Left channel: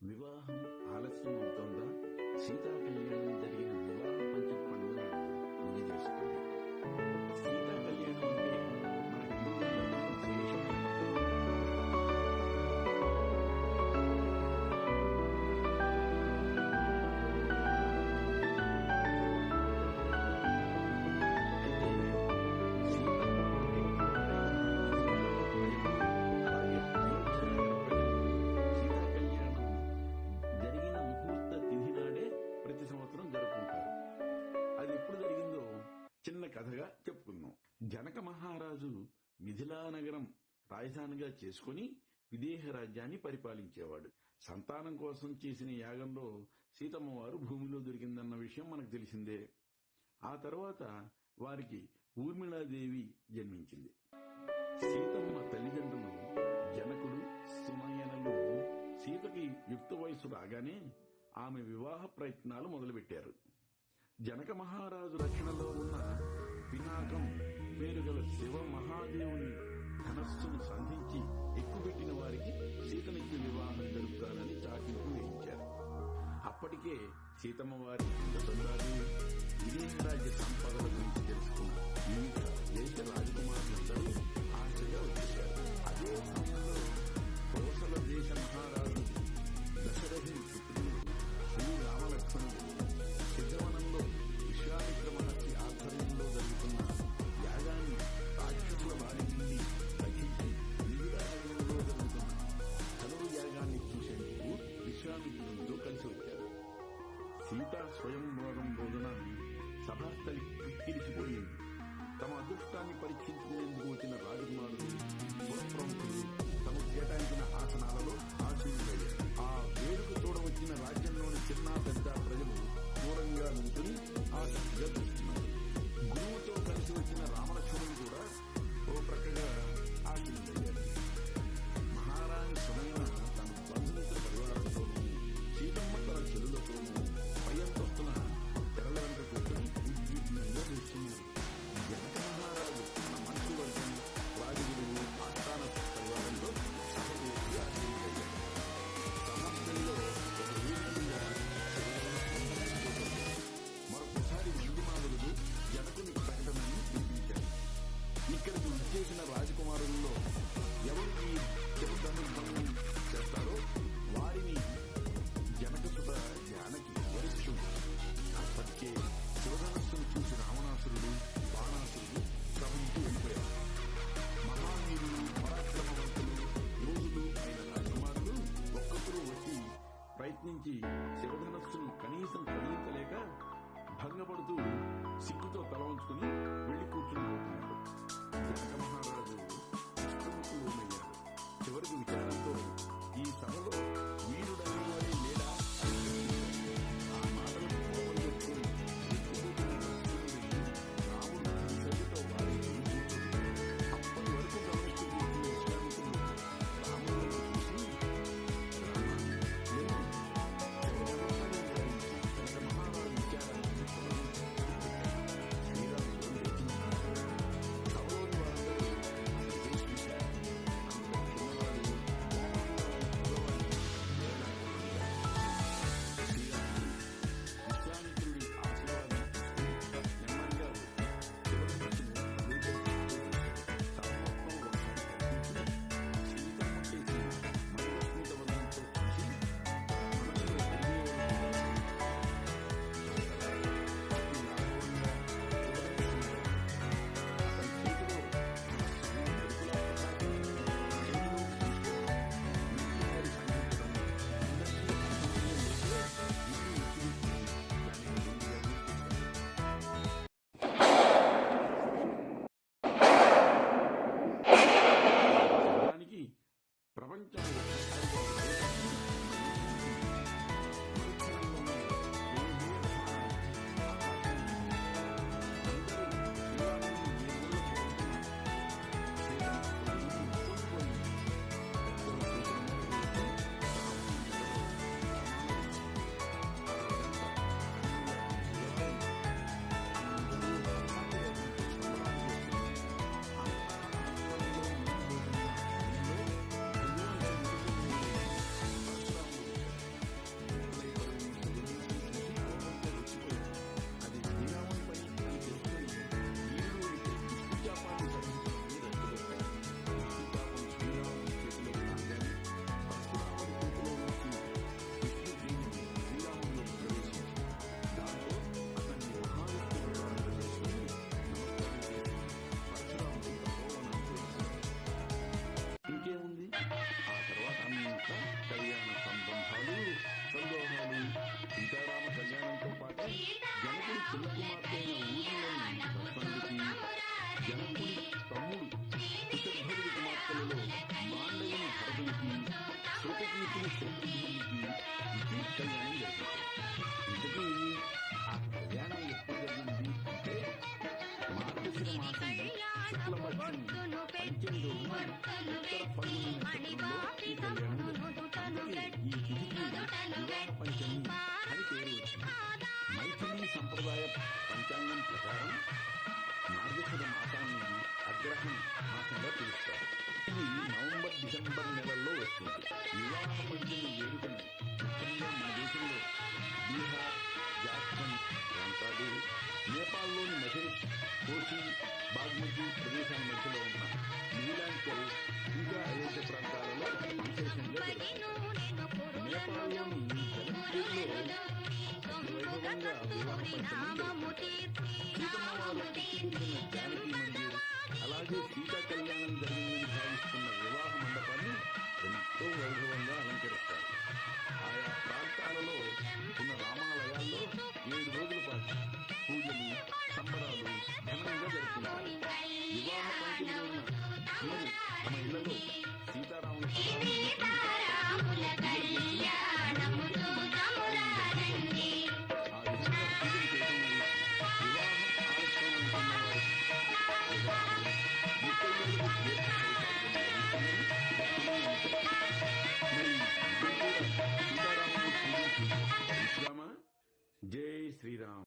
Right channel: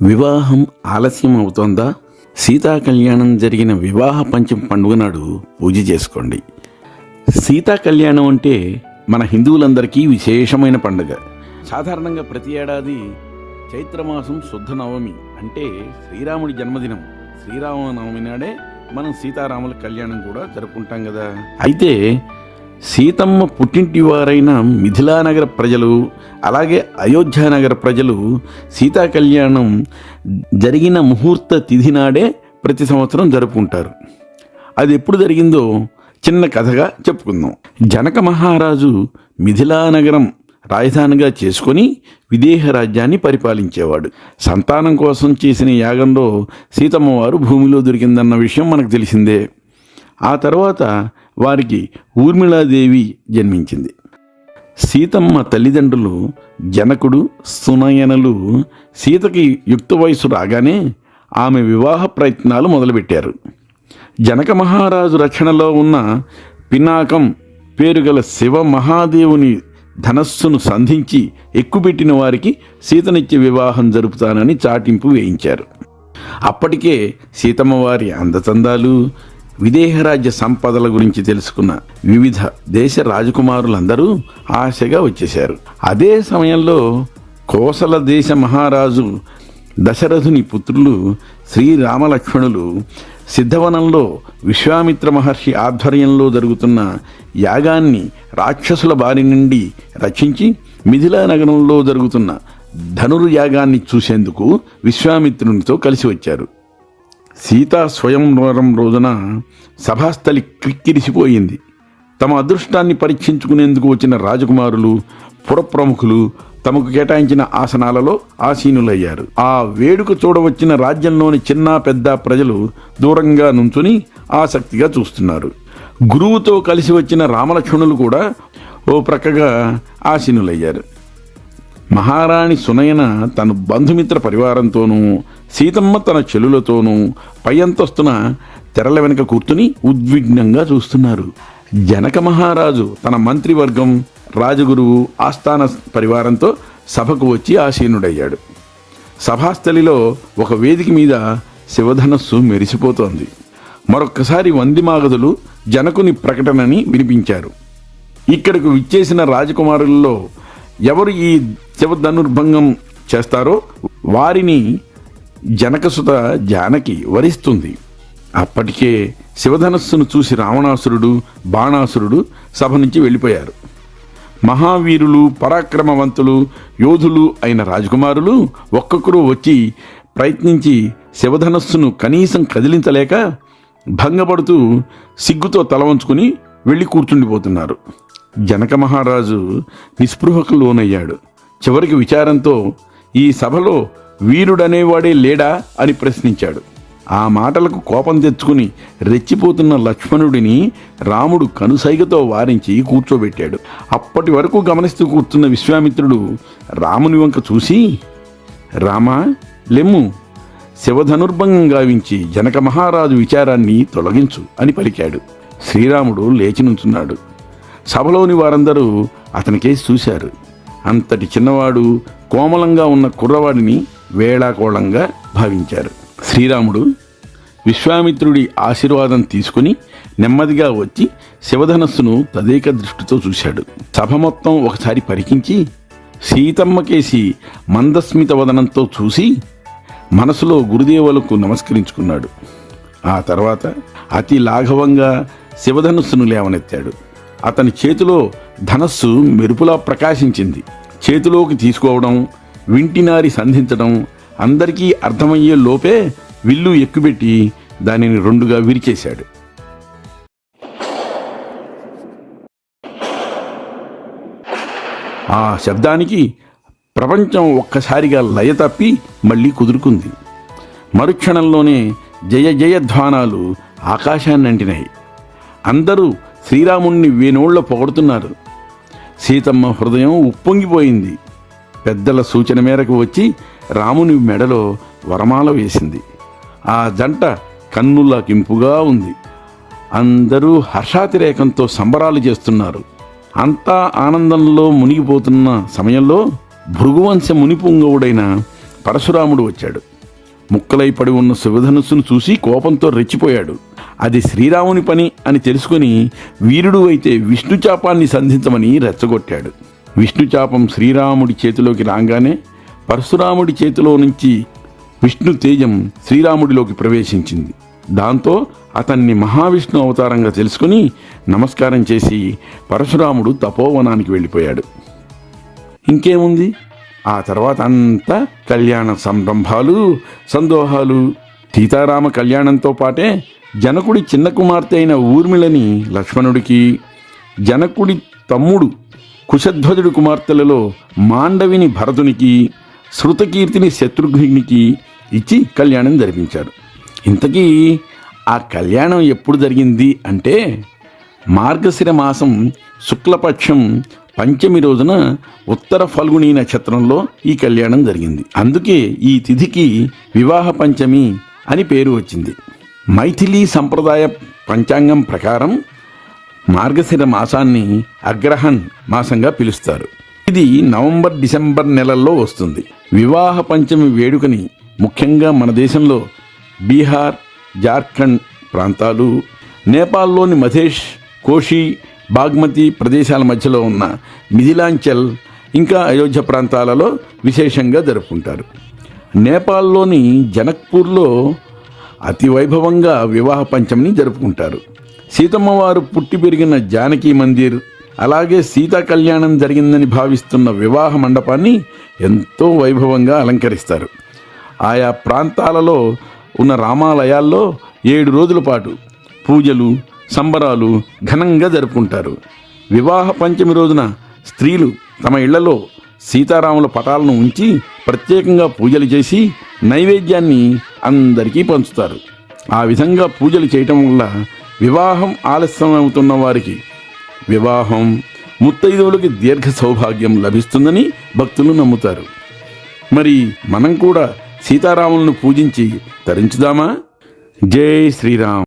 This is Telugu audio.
వివాహం ఆలస్యం అవుతోందా? సీతా కళ్యాణం జరిగిన వివాహ పంచమి పండుగ నాడు పూజ చేసుకోండి. సీతా కళ్యాణం అంటే మన హిందువులందరికీ విశేషమైన పండుగ. సాధారణంగా ప్రతి ఏడాది చైత్రమాసం శుద్ధ నవమి అంటే శ్రీరాముడి జన్మదినం, శ్రీరామనవమి నాడే మనం సీతారాముల కళ్యాణం కూడా జరుపుకుంటాం కదా. అయితే సీతమ్మ పుట్టింటి వారైన మిథిలానగర ప్రజలు, అలాగే అయోధ్యానగర ప్రజలు సీతా కళ్యాణం జరిగిన ముహూర్త తిథి నాడే ప్రతి సంవత్సరం జరుపుకుంటారు. అది ఎప్పుడు జరిగిందో చిన్న కథగా చెప్పుకుందాం. జనక మహారాజు మిథిలానగరం రాజధానిగా చేసుకొని విదేహ రాజ్యాన్ని పరిపాలించేవాడు. సంతానం కోసం చేసిన యాగంలో సీతమ్మ వారు భూమిలో దొరికిందన్న విషయం మనకు తెలిసిందే. ఆ తర్వాత వారికి ఊర్మిళాదేవి జన్మించింది. సీతమ్మ తల్లిదండ్రులు జనకుడు, సునయనలు సీతకి యుక్త వయసు రాగానే ఆమె వివాహ ప్రయత్నాలు మొదలుపెట్టారు. జనక మహారాజు రక్షణలో ఉన్న పినాకం పేరుగల శివ మహాదేవుని ధనస్సును సంధించి ఎక్కుపెట్టిన వారికి సీతనిచ్చి వివాహం జరుపుతానని చాటింపు వేయించారు. అప్పటికే సీతమ్మ వారి అందచందాలు, విదేహరాజ్య సంపదల గురించి తెలుసుకున్న వివిధ దేశ రాజకుమారులందరూ ఆశగా వచ్చేశారు. అదే సమయంలో కోసల దేశ మహారాజు దశరథుని పుత్రులు శ్రీరామలక్ష్మణులు సిద్ధవనంలో విశ్వామిత్ర మహర్షి ఆధ్వర్యంలో జరుగుతున్న యాగాన్ని రాక్షసుల బారి నుండి రక్షించి మిథిలా నగరంలో జరుగుతున్న ధనుర్యాగాన్ని చూసేందుకు విశ్వామిత్రునితో కలిసి వచ్చారు. సీతా స్వయంవరం రోజున సభాస్థలి క్రిక్కిరిసిపోయింది. తమ అదృష్టాన్ని పరీక్షించుకునేందుకు వచ్చిన రాజకుమారులు, పురప్రముఖులు తమకు కేటాయించిన ఆసనాలలో ఆసీనులయ్యారు. ఆ వేడుక చూడవచ్చిన రాజ్యంలోని చిన్న పెద్ద ప్రజలు దూరంగా నుంచుని ఆసక్తిగా చూస్తున్నారు. గురువుతో కలిసి వచ్చిన రామలక్ష్మణులు కూడా ఓ ప్రక్కగా ఆసీనులయ్యారు. మహారాణి సునయన తన బంధుమిత్ర పరివారంతోనూ, సీతమ్మ తన చెలులతోనూ పై అంతస్తున తెరల వెనుక కూర్చుని ఉద్విగ్నంగా చూస్తున్నారు. జనక మహారాజు తన మంత్రివర్గం, రాజగురువు, ఆస్థాన పరివారంతో సభకు వచ్చి ఆసీనుడయ్యాడు. సభాస్థలిలో ఒక వేదిక మీద శివధనస్సు మెరిసిపోతోంది. మరొక్కసారి వందిమాగదులు జనకుని ప్రకటనని వినిపించారు. ఇక్కడకు విచ్చేసిన రాజకుమారులలో ఎవరు ఈ శివధనుర్భంగం చేస్తారో వారిని జనకసుత జానకి వరిస్తుంది. అప్పటికే శివధనస్సును చూసి రావణాసురుడు, బాణాసురుడు సభ నుంచి వెళ్ళిపోయారు. మహావీరులు, పరాక్రమవంతులు, యోధులు అయిన రాజకుమారులు ఒక్కొక్కరు వచ్చి ప్రయత్నించి శివధనస్సును కనీసం కదిలించలేక భంగపడుతూ సిగ్గుతో తల వంచుకుని వెళ్ళి కూర్చుండిపోతున్నారు. జనక మహారాజు నిస్పృహకు లోనయ్యాడు. చివరికి విచారంతో ఈ సభలో వీరుడనేవాడే లేడా అని ప్రశ్నించాడు. ఆ మాటలకు కోపం తెచ్చుకుని రెచ్చిపోతున్న లక్ష్మణుడిని రాముడు కనుసైగతో వారించి కూర్చోబెట్టాడు. అప్పటి వరకు గమనిస్తూ కూర్చున్న విశ్వామిత్రుడు రాముని వంక చూసి, రామా లెమ్ము, శివధనుర్భంగం గావించి జనక మహారాజు విచారాన్ని తొలగించు అని పలికాడు. శ్రీరాముడు లేచి నుంచున్నాడు. సభలోని వారందరూ అతనికేసి చూశారు. అంతటి చిన్నవాడు, కోమలంగా ఉన్న కుర్రవాడిని వేళాకోళంగా భావించారు. శ్రీరాముడు విశ్వామిత్రుడి ఆశీర్వాదం తీసుకుని నెమ్మదిగా వచ్చి శివధనస్సును తదేక దృష్టితో చూశాడు. సభ మొత్తం ఒకసారి పరికించి సీతమ్మకేసి మందస్మిత వదనంతో చూసి మనసులో గురుదేవులకు నమస్కరించుకున్నాడు. ఆ తర్వాత అతి లాఘవంగా శివధనస్సును లేవనెత్తాడు. అతని చేతిలో ధనస్సు మెరుపులా ప్రకాశించింది. చేతిలోకి తీసుకోవడం, వింటినారి సంధించడం అందరికీ అర్థమయ్యే లోపే విల్లు ఎక్కుపెట్టి దానిని రెండుగా విరిచేశాడు. ఆ శబ్దానికి ప్రపంచం ఒక్కసారిగా లయ తప్పి మళ్ళీ కుదురుకుంది. మరుక్షణంలోనే జయ జయధ్వానాలు ఆకాశాన్ని అంటినాయి. అందరూ శ్రీరాముణ్ణి వేనోళ్ల పొగడుతున్నారు. సీతమ్మ హృదయం ఉప్పొంగిపోయింది. పెద్దల సూచన మేరకు వచ్చి రాముని మెడలో వరమాల వేసింది. ఆ జంట కన్నులకింపుగా ఉంది. అందరూ హర్షాతిరేకంతో సంబరాలు చేస్తున్నారు. అంతా ఆనందంలో మునిగిపోతున్న సమయంలో భృగువంశ మునిపుంగవుడైన పరశురాముడు వచ్చాడు. ముక్కలై పడి ఉన్న శివధనుస్సును చూసి కోపంతో రెచ్చిపోయాడు. అది శ్రీరాముని పని అని తెలుసుకుని వీరుడు అయితే విష్ణుచాపాన్ని సంధించమని రెచ్చగొట్టాడు. విష్ణుచాపం శ్రీరాముడి చేతిలోకి రాగానే పరశురాముడి చేతిలో నుంచి విష్ణు తేజం శ్రీరాముడిలోకి ప్రవేశించింది. దాంతో అతన్ని మహావిష్ణు అవతారంగా తెలుసుకుని నమస్కారం చేసి పరశురాముడు తపోవనానికి వెళ్ళిపోయాడు. ఇంకేముంది, ఆ తర్వాత అంతా కళ్యాణ సంరంభాలు, సందోహాలు. సీతారామ కళ్యాణంతో పాటే జనకుడి చిన్న కుమార్తె అయిన ఊర్మిళని లక్ష్మణుడికి, జనకుడి తమ్ముడు కుశధ్వజుడి కుమార్తెలలో మాండవిని భరతునికి, శృతకీర్తిని శత్రుఘ్నునికి ఇచ్చి కళ్యాణం జరిపించారు. ఇంతకీ ఆ కళ్యాణం ఎప్పుడు జరిగింది అంటే మార్గశిర మాసం శుక్లపక్షం పంచమి రోజున ఉత్తర ఫల్గుణీ నక్షత్రంలో ఈ కళ్యాణం జరిగింది. అందుకే ఈ తిథికి వివాహ పంచమి అని పేరు వచ్చింది. మైథిలీ సంప్రదాయ పంచాంగం ప్రకారం మార్గశిర మాసాన్ని అగ్రహణ్ మాసంగా పిలుస్తారు. ఇది నవంబర్ డిసెంబర్ నెలల్లో వస్తుంది. వివాహ పంచమి వేడుకని ముఖ్యంగా మన దేశంలో బీహార్, జార్ఖండ్ ప్రాంతాలు, నేపాల్లోని మధేష్, కోషి, బాగ్మతి ప్రదేశాల మధ్యలో ఉన్న మిథిలాంచల్, ఇంకా అయోధ్య ప్రాంతాలలో విశేషంగా జరుపుకుంటారు. నేపాల్లోని జనక్పూర్లో అతి వైభవంగా వివాహ పంచమిని జరుపుకుంటారు. సీతమ్మవారు పుట్టి పెరిగిన జానకి మందిర్, అలాగే సీతా కళ్యాణం జరిగిందని భావిస్తున్న వివాహ మండపాన్ని ఎంతో వైభవంగా అలంకరిస్తారు. ఆయా ప్రాంతాలలో ఉన్న రామాలయాల్లో 7 రోజుల పాటు పూజలు, సంబరాలు ఘనంగా జరుపుకుంటారు. వివాహ పంచమి రోజున స్త్రీలు తమ ఇళ్లలో సీతారాముల పటాలను ఉంచి ప్రత్యేకంగా పూజలు చేసి నైవేద్యాన్ని అందరికీ పంచుతారు. ఆ విధంగా పూజలు చేయటం వల్ల వివాహం ఆలస్యం అవుతున్న వారికి వివాహం, ముత్తైదువులకి దీర్ఘ సౌభాగ్యం లభిస్తుందని భక్తులు నమ్ముతారు. మరి మనం కూడా సీతారాములను పూజించి తరించుదామా? జై శ్రీరామ్.